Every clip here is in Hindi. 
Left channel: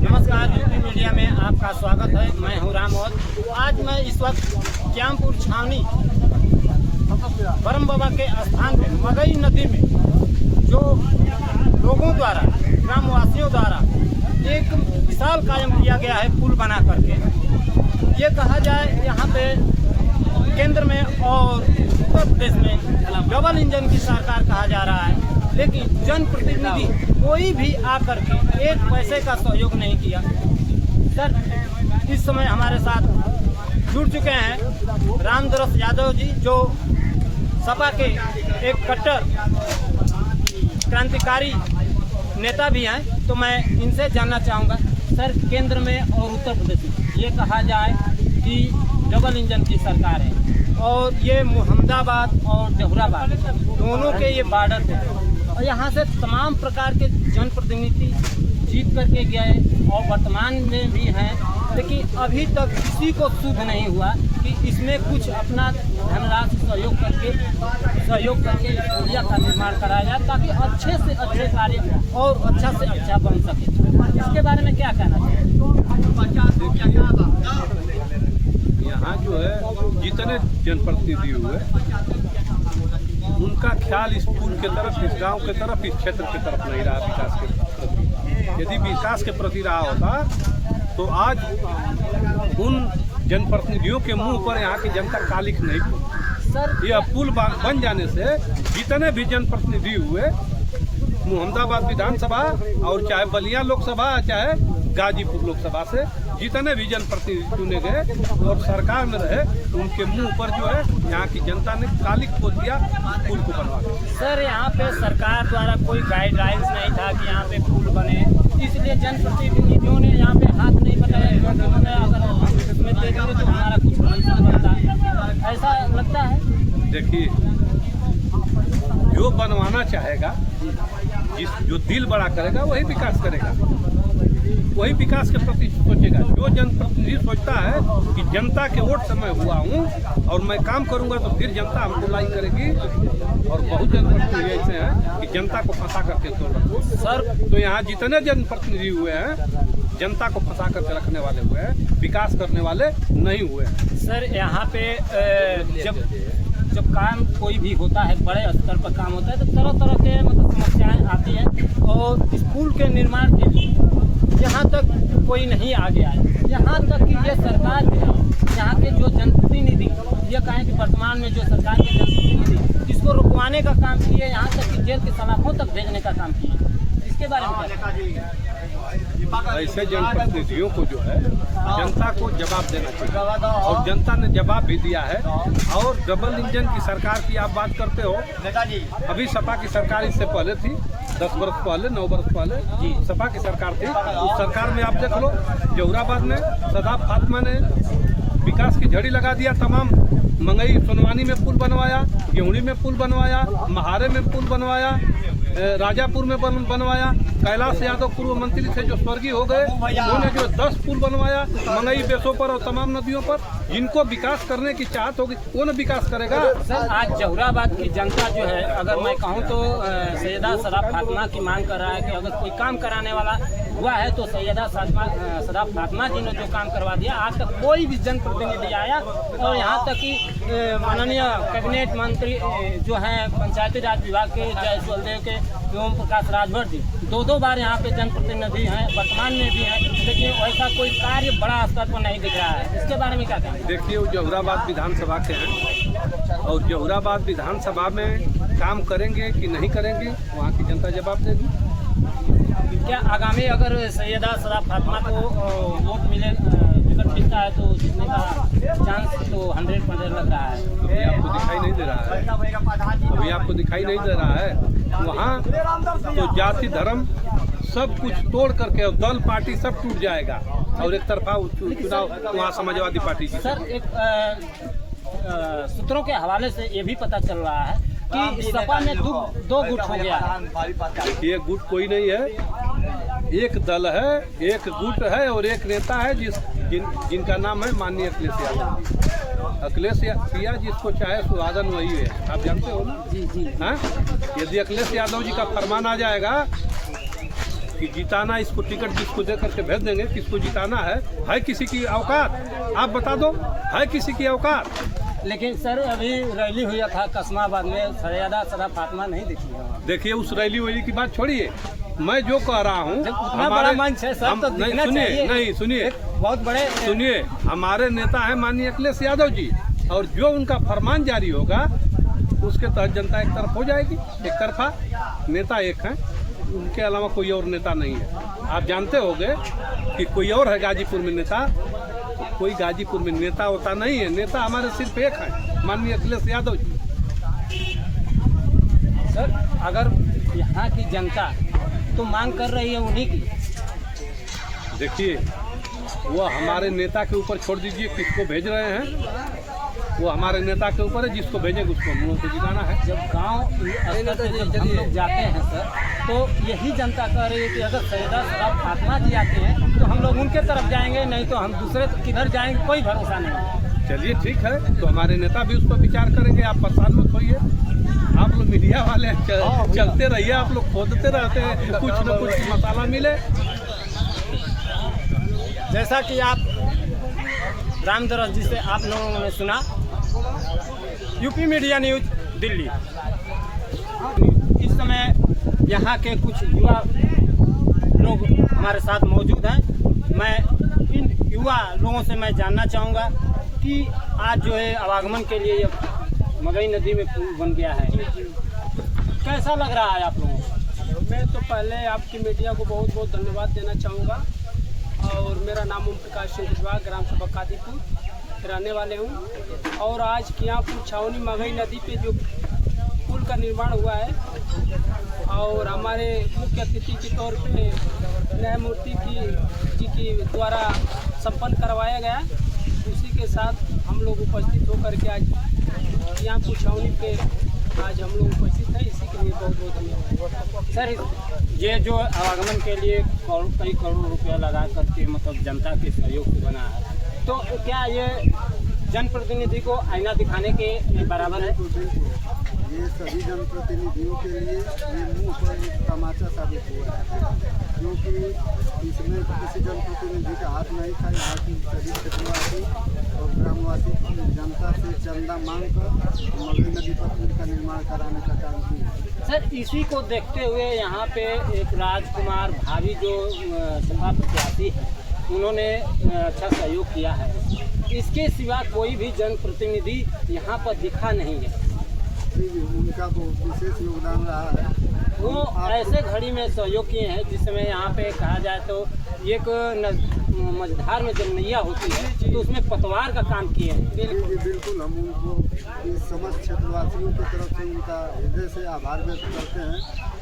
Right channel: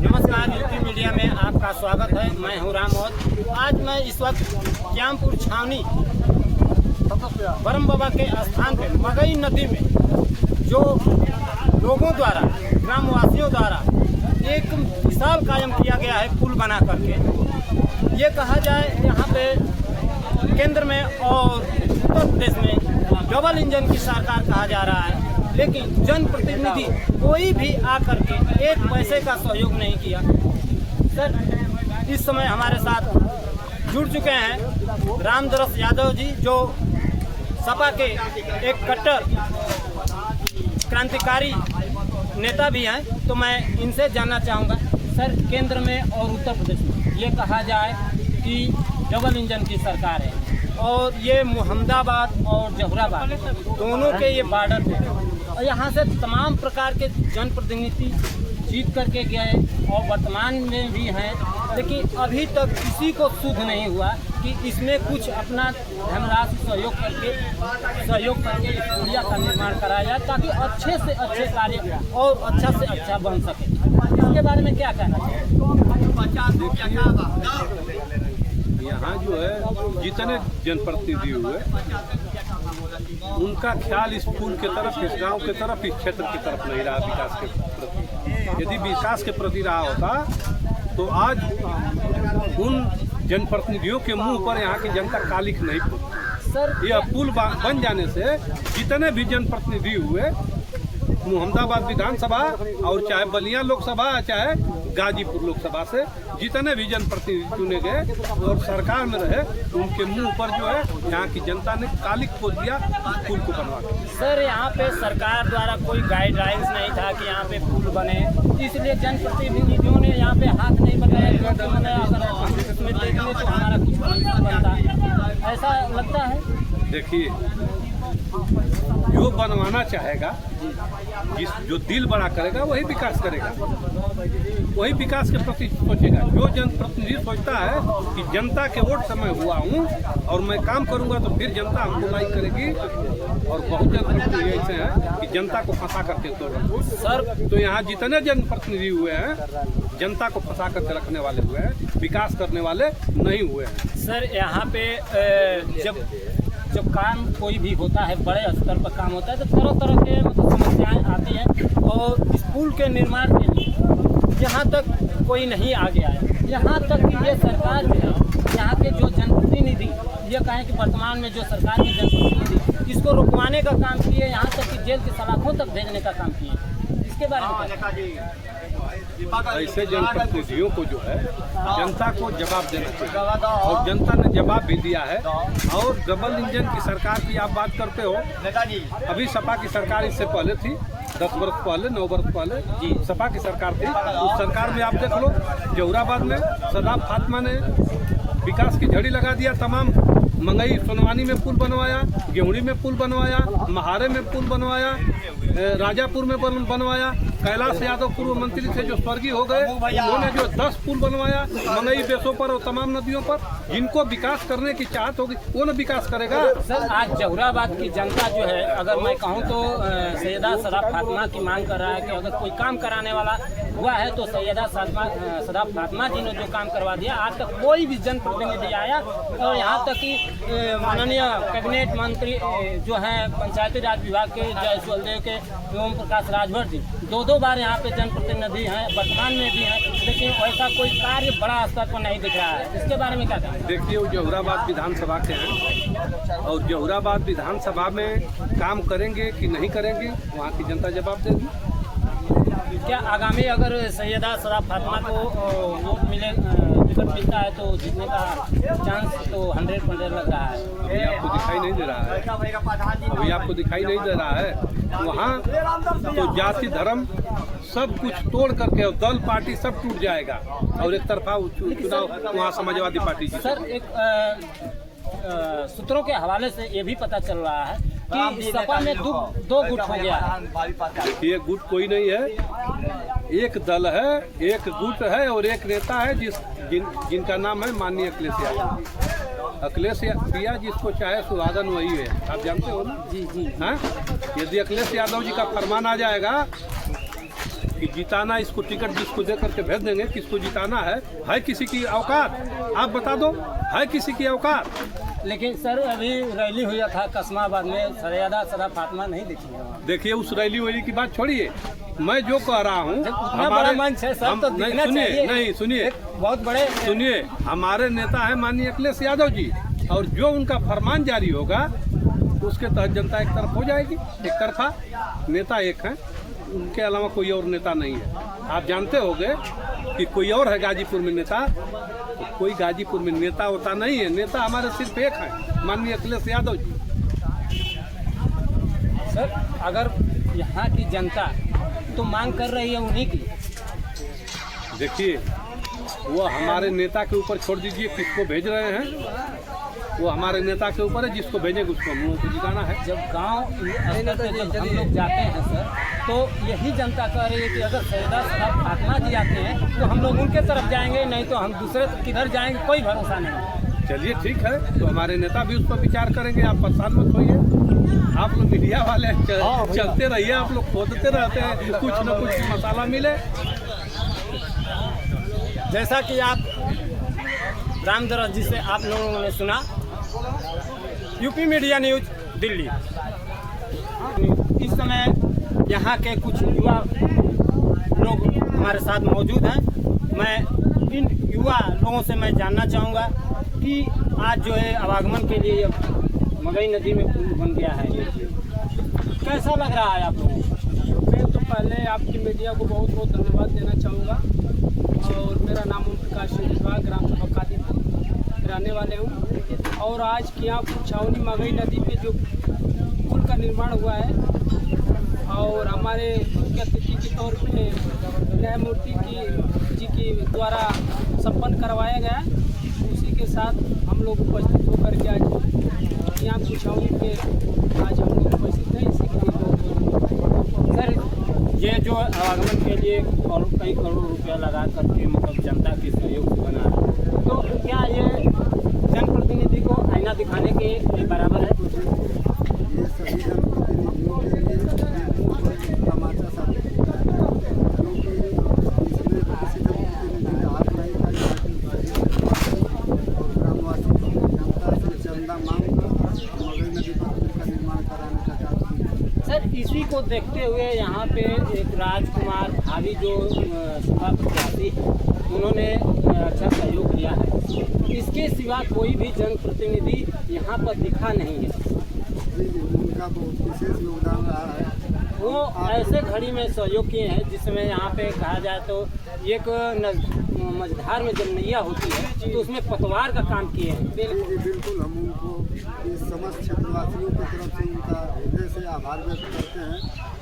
नमस्कार, यूपी मीडिया में आपका स्वागत है। मैं हूं राम और आज मैं इस वक्त श्यामपुर छावनी ब्रह्म बाबा के स्थान पे मगई नदी में जो लोगों द्वारा, ग्रामवासियों द्वारा एक मिसाल कायम किया गया है पुल बना करके। ये कहा जाए यहाँ पे केंद्र में और उत्तर प्रदेश में डबल इंजन की सरकार कहा जा रहा है, लेकिन जनप्रतिनिधि कोई भी आकर के एक पैसे का सहयोग नहीं किया। सर, इस समय हमारे साथ जुड़ चुके हैं रामदरस यादव जी, जो सपा के एक कट्टर क्रांतिकारी नेता भी हैं। तो मैं इनसे जानना चाहूँगा, सर, केंद्र में और उत्तर प्रदेश में ये कहा जाए कि डबल इंजन की सरकार है और ये मुहम्मदाबाद और जहुराबाद दोनों के ये बॉर्डर पे, और यहाँ से तमाम प्रकार के जनप्रतिनिधि जीत करके गए और वर्तमान में भी हैं, लेकिन अभी तक किसी को सुध नहीं हुआ कि इसमें कुछ अपना धनराशि सहयोग करके इस पुलिया का निर्माण कराया जाए ताकि अच्छे से अच्छे कार्य और अच्छा से अच्छा बन सके। इसके बारे में क्या कहना चाहिए? यहाँ जो है जितने जनप्रतिनिधि हुए उनका ख्याल इस पुल के तरफ, इस गांव के तरफ, इस क्षेत्र की तरफ नहीं रहा विकास के प्रति। यदि विकास के प्रति रहा होता तो आज उन जनप्रतिनिधियों के मुंह पर यहाँ की जनता कालिख नहीं खोलती। सर, यह पुल बन जाने से जितने भी जनप्रतिनिधि हुए, मुहम्मदाबाद विधानसभा और चाहे बलिया लोकसभा चाहे गाजीपुर लोकसभा से जितने भी जनप्रतिनिधि चुने गए और सरकार में रहे, उनके मुंह पर जो है यहाँ की जनता ने कालिख खोल दिया पुल को बनवा कर। सर, यहाँ पे सरकार द्वारा कोई गाइडलाइंस नहीं था कि यहाँ पे पुल बने, इसलिए जनप्रतिनिधियों ने यहाँ पे हाथ नहीं बताया, क्योंकि मैंने अगर हम इसमें दे देंगे तो हमारा कुछ कमीशन बनता, ऐसा लगता है। देखिए, जो बनवाना चाहेगा, जो दिल बड़ा करेगा वही विकास करेगा, वही विकास के प्रति सोचेगा। जो जनप्रतिनिधि सोचता है कि जनता के वोट से मैं हुआ हूँ और मैं काम करूंगा तो फिर जनता हमको लाइक करेगी, और बहुत जनप्रतिनिधि ऐसे हैं कि जनता को फंसा करके तोड़ रखते। सर, तो यहाँ जितने जनप्रतिनिधि हुए हैं जनता को फंसा करके रखने वाले हुए हैं, विकास करने वाले नहीं हुए हैं। सर, यहाँ पे जब काम कोई भी होता है, बड़े स्तर पर काम होता है, तो तरह तरह के समस्याएं आती हैं, और इस पुल के निर्माण के लिए यहाँ तक कोई नहीं आगे आया। यहाँ तक कि ये सरकार जो है, यहाँ के जो जनप्रतिनिधि, ये कहें कि वर्तमान में जो सरकार के जनप्रतिनिधि इसको रुकवाने का काम किए, यहाँ तक कि जेल के सलाखों तक भेजने का काम किए। इसके बारे में क्या? ऐसे जनप्रतिनिधियों को जो है जनता को जवाब देना चाहिए, और जनता ने जवाब भी दिया है। और डबल इंजन की सरकार की आप बात करते हो, अभी सपा की सरकार इससे पहले थी, 10 वर्ष पहले, 9 वर्ष पहले जी सपा की सरकार थी। उस सरकार में आप देख लो, जहुराबाद में सदाब फातिमा ने विकास की झड़ी लगा दिया। तमाम मंगई सोनवानी में पुल बनवाया, गेहूड़ी में पुल बनवाया, महारे में पुल बनवाया, राजापुर में बनवाया। कैलाश यादव पूर्व मंत्री थे जो स्वर्गीय हो गए, उन्होंने जो 10 पुल बनवाया मंगई बेसों पर और तमाम नदियों पर। जिनको विकास करने की चाहत होगी वो न विकास करेगा। सर, आज जहुराबाद की जनता जो है, अगर मैं कहूँ तो सैयदा सदाब फातिमा की मांग कर रहा है कि अगर कोई काम कराने वाला हुआ है तो सैयदा सदाब फातिमा जी ने जो काम करवा दिया। आज तक कोई भी जनप्रतिनिधि आया, और यहाँ तक कि माननीय कैबिनेट मंत्री जो हैं पंचायती राज विभाग के जयसवाल देव के ओम प्रकाश राजभर जी, 2 बार यहाँ पे जनप्रतिनिधि हैं, वर्तमान में भी हैं, लेकिन वैसा कोई कार्य बड़ा स्तर पर नहीं दिख रहा है। इसके बारे में क्या कहेंगे? देखिए, वो जहुराबाद विधानसभा के हैं, और जहुराबाद विधानसभा में काम करेंगे कि नहीं करेंगे वहाँ की जनता जवाब देगी। क्या आगामी अगर सैयदा सदाब फातिमा को वोट मिले, टिकट मिलता है तो जीतने का चांस तो 100% लग रहा है? अभी आपको दिखाई नहीं दे रहा है, अभी आपको दिखाई नहीं दे रहा है। वहाँ तो जाति धर्म सब कुछ तोड़ करके और दल पार्टी सब टूट जाएगा, और एक तरफा चुनाव वहाँ समाजवादी पार्टी की। सर, एक सूत्रों के हवाले से ये भी पता चल रहा है कि सपा में 2 गुट हो गया है। देखिए, गुट कोई नहीं है, एक दल है, एक गुट है, और एक नेता है जिनका नाम है माननीय अखिलेश यादव। अखिलेश प्रिया जिसको चाहे सुहागन वही है, आप जानते हो ना? जी जी। हाँ, यदि अखिलेश यादव जी का फरमान आ जाएगा कि जिताना, इसको टिकट जिसको दे करके भेज देंगे, किसको जिताना है किसी की औकात? आप बता दो, है किसी की औकात? लेकिन सर अभी रैली हुआ था कस्माबाद में, सैयदा सदा फातिमा नहीं दिखी है वहाँ। देखिए उस रैली वैली की बात छोड़िए, मैं जो कह रहा हूँ, उतना बड़ा मंच है सर, तो दिखना चाहिए। नहीं सुनिए, बहुत बड़े सुनिए, हमारे नेता है माननीय अखिलेश यादव जी, और जो उनका फरमान जारी होगा उसके तहत जनता एक तरफ हो जाएगी। एक तरफा नेता एक है, उनके अलावा कोई और नेता नहीं है। आप जानते होंगे कि कोई और है गाजीपुर में नेता, तो कोई गाजीपुर में नेता होता नहीं है। नेता हमारे सिर्फ एक है, माननीय अखिलेश यादव जी। सर अगर यहाँ की जनता तो मांग कर रही है उन्हीं की, देखिए वो हमारे नेता के ऊपर छोड़ दीजिए, किसको भेज रहे हैं वो हमारे नेता के ऊपर है, जिसको भेजेंगे उसको हम लोगों को जिताना है। जब गांव स्तर पे जब हम लोग जाते हैं सर, तो यही जनता कह रही है कि अगर सैयदा सदा फातिमा जी आते हैं तो हम लोग उनके तरफ जाएंगे, नहीं तो हम दूसरे किधर जाएंगे, कोई भरोसा नहीं। चलिए ठीक है, तो हमारे नेता भी उस पर विचार करेंगे, आप परेशान मत होइए। आप लोग मीडिया वाले चलते रहिए, आप लोग खोदते रहते हैं, कुछ न कुछ मसाला मिले। जैसा कि आप रामदरस जी से आप लोगों ने सुना, यूपी मीडिया न्यूज दिल्ली। इस समय यहाँ के कुछ युवा लोग हमारे साथ मौजूद हैं। मैं इन युवा लोगों से मैं जानना चाहूँगा कि आज जो है आवागमन के लिए मगई नदी में पुल बन गया है, कैसा लग रहा है आप लोगों को? मैं तो पहले आपकी मीडिया को बहुत बहुत धन्यवाद देना चाहूँगा। और मेरा नाम ओम प्रकाश विश्वास, ग्राम सभा कादीपुर रहने वाले हूँ। और आज कियापुर छावनी मगई नदी पे जो पुल का निर्माण हुआ है, और हमारे मुख्य अतिथि के तौर पे न्यायमूर्ति जी की द्वारा शपथ करवाया गया, उसी के साथ हम लोग उपस्थित होकर के आज कियापुर छावनी पे आज हम लोग उपस्थित हैं। इसी के लिए बहुत सर ये जो आवागमन के लिए कई करोड़ रुपया लगा करके मतलब जनता के सहयोग से बना है, तो क्या ये जनप्रतिनिधि को आईना दिखाने के बराबर है? ये सभी जनप्रतिनिधियों के लिए मुंह पर तमाचा साबित हुआ है, क्योंकि इसमें किसी जनप्रतिनिधि का हाथ नहीं था। यहाँ की सभी क्षेत्रवासी और ग्रामवासी जनता से चंदा मांग कर मगई नदी पर पुल का निर्माण कराने का काम किया। सर इसी को देखते हुए यहाँ पे एक राजकुमार भाभी जो सपा प्रत्याशी है, उन्होंने अच्छा सहयोग किया है। इसके सिवा कोई भी जनप्रतिनिधि यहाँ पर दिखा नहीं है। उनका बहुत विशेष योगदान रहा है। वो ऐसे घड़ी में सहयोग किए हैं जिसमें यहाँ पे कहा जाए तो एक मझधार में जब नैया होती है तो उसमें पतवार का काम किए हैं। जी बिल्कुल, हम उनको इस समस्त क्षेत्रवासियों की तरफ से उनका हृदय से आभार व्यक्त करते हैं,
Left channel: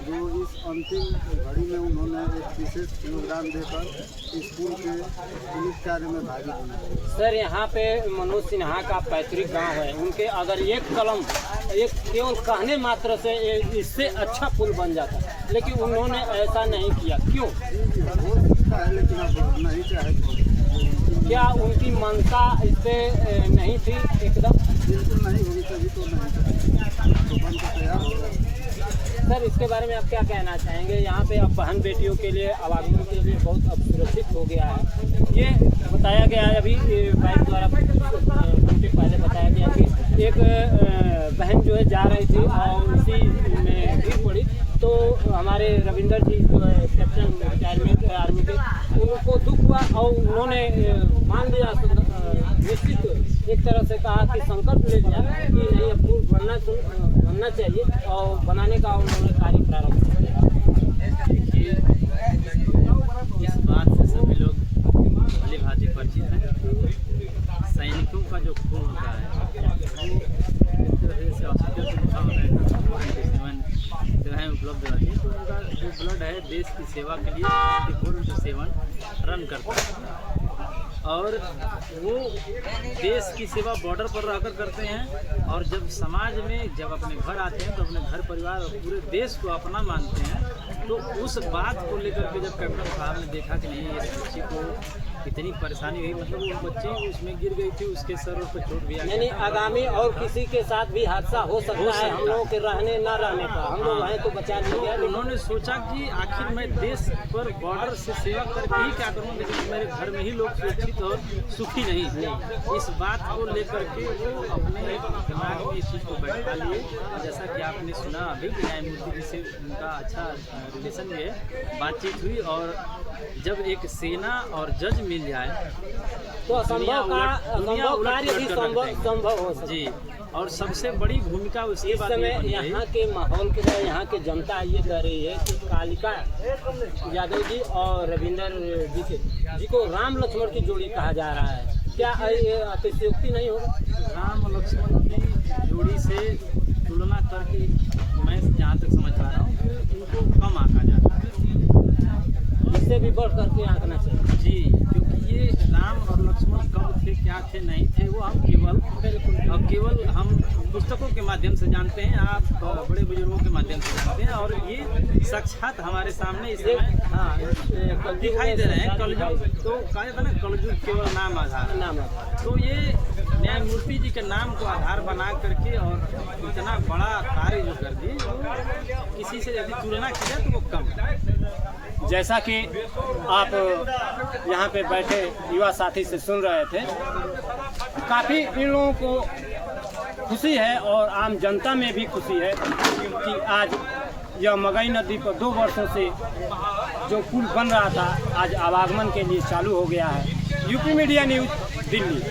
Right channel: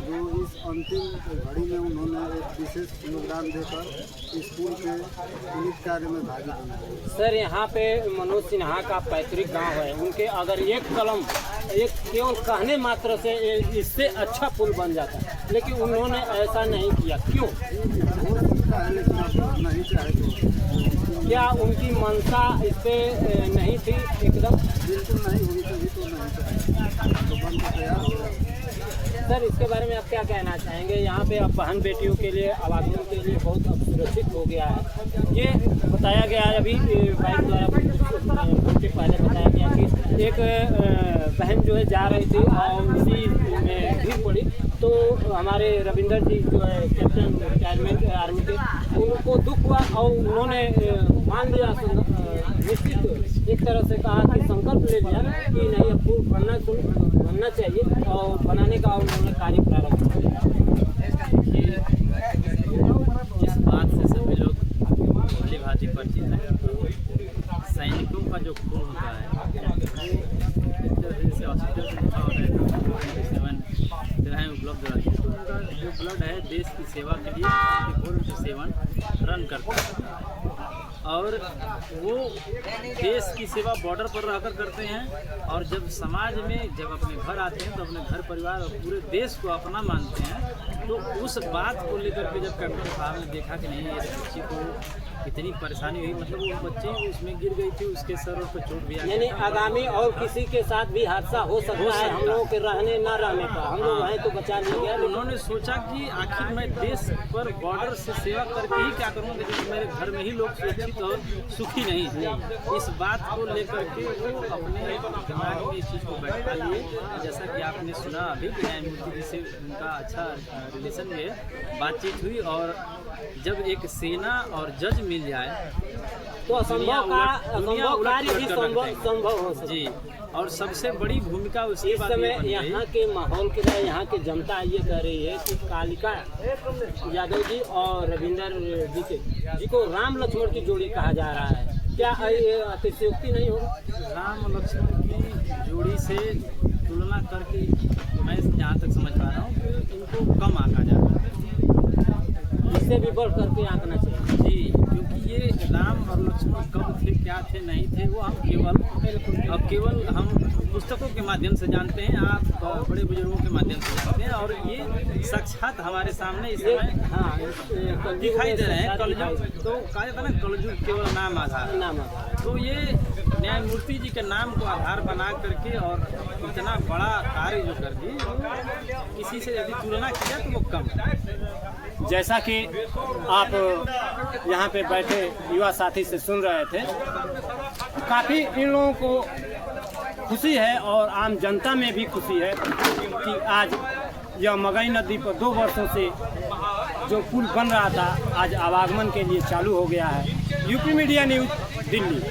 जो इस अंतिम घड़ी में उन्होंने एक विशेष योगदान देकर इस पुल के पुलिस कार्य में भागी बनी। सर यहाँ पे मनोज सिन्हा का पैतृक गांव है, उनके अगर एक कलम एक केवल कहने मात्र से इससे अच्छा पुल बन जाता, लेकिन उन्होंने ऐसा नहीं किया, क्यों? हो सकता है, लेकिन अब नहीं चाहे तो। क्या उनकी मंशा इस पे नहीं थी? एकदम बिल्कुल नहीं होगी, तभी तो नहीं चाहे, तो बन तो तैयार हो जाए। सर इसके बारे में आप क्या कहना चाहेंगे? यहाँ पे अब बहन बेटियों के लिए आवागमन के लिए बहुत अब सुरक्षित हो गया है। ये बताया गया है अभी बाइक द्वारा घंटे पहले बताया गया कि एक बहन जो है जा रही थी और उसी में भीड़ पड़ी, तो हमारे रविंदर जी जो है कैप्टन रिटायरमेंट आर्मी के, उनको दुख हुआ और उन्होंने मान लिया, निश्चित एक तरह से कहा कि संकल्प ले लिया कि नहीं अब पुल बनना चाहिए और बनाने का उन्होंने कार्य प्रारंभ किया। देखिए इस बात से सभी लोग भली भांति परिचित हैं। सैनिकों का जो खून होता है वो एक तरह से हॉस्पिटल से लिखा होता है कि 47 जगहें उपलब्ध रहती है, तो उनका जो ब्लड है देश की सेवा के लिए 24/7 रन करता है, और वो देश की सेवा बॉर्डर पर रहकर करते हैं। और जब समाज में जब अपने घर आते हैं तो अपने घर परिवार और पूरे देश को अपना मानते हैं। तो उस बात को लेकर के जब कैप्टन साहब ने देखा कि नहीं इस बच्ची को इतनी परेशानी हुई, मतलब वो बच्ची उसमें गिर गई थी, उसके सर पर चोट भी आ गया यानी था। आगामी और किसी के साथ भी हादसा हो सकता है हम लोगों के रहने न रहने का, हम लोग हाँ। वहीं तो बचा तो लिए। उन्होंने सोचा कि आखिर मैं देश पर बॉर्डर से सेवा करके ही क्या करूँगा, लेकिन मेरे घर में ही लोग सुरक्षित और सुखी नहीं है। इस बात को लेकर के वो अपने दिमाग में इस चीज़ को बैठा लिए, और जैसा कि आपने सुना अभी कि न्यायमूर्ति जी से उनका अच्छा रिलेशन भी है, बातचीत हुई, और जब एक सेना और जज मिल जाए तो असंभव कार्य भी संभव हो सकता है। जी, और सबसे बड़ी भूमिका उसके इस बाद ये समय बन गई। यहाँ के माहौल के लिए यहाँ की जनता ये कह रही है कि कालिका यादव जी और रविंदर जी को राम लक्ष्मण की जोड़ी कहा जा रहा है, क्या ये अतिशयोक्ति नहीं होगा? राम और लक्ष्मण की जोड़ी से तुलना करके मैं जहाँ तक समझ पा रहा हूँ कि इनको कम आंका जाता है। इससे भी बढ़ करके आंकना चाहिए। जी, क्योंकि ये राम और लक्ष्मण कब थे, क्या थे, नहीं थे, वो हम केवल हम पुस्तकों के माध्यम से जानते हैं, आप बड़े बुजुर्गों के माध्यम से जानते हैं, और ये साक्षात हमारे सामने इस समय हाँ, दिखाई दे रहे हैं। कलयुग तो कहा जाता है ना, कलयुग केवल नाम आधार। तो ये न्यायमूर्ति जी के नाम को आधार बना करके और इतना बड़ा कार्य जो कर दी, वो किसी से यदि तुलना की जाए तो वो कम है। जैसा कि आप यहाँ पे बैठे युवा साथी से सुन रहे थे, काफ़ी इन लोगों को खुशी है और आम जनता में भी खुशी है कि आज यह मगई नदी पर 2 वर्षों से जो पुल बन रहा था आज आवागमन के लिए चालू हो गया है। UP media news, Delhi.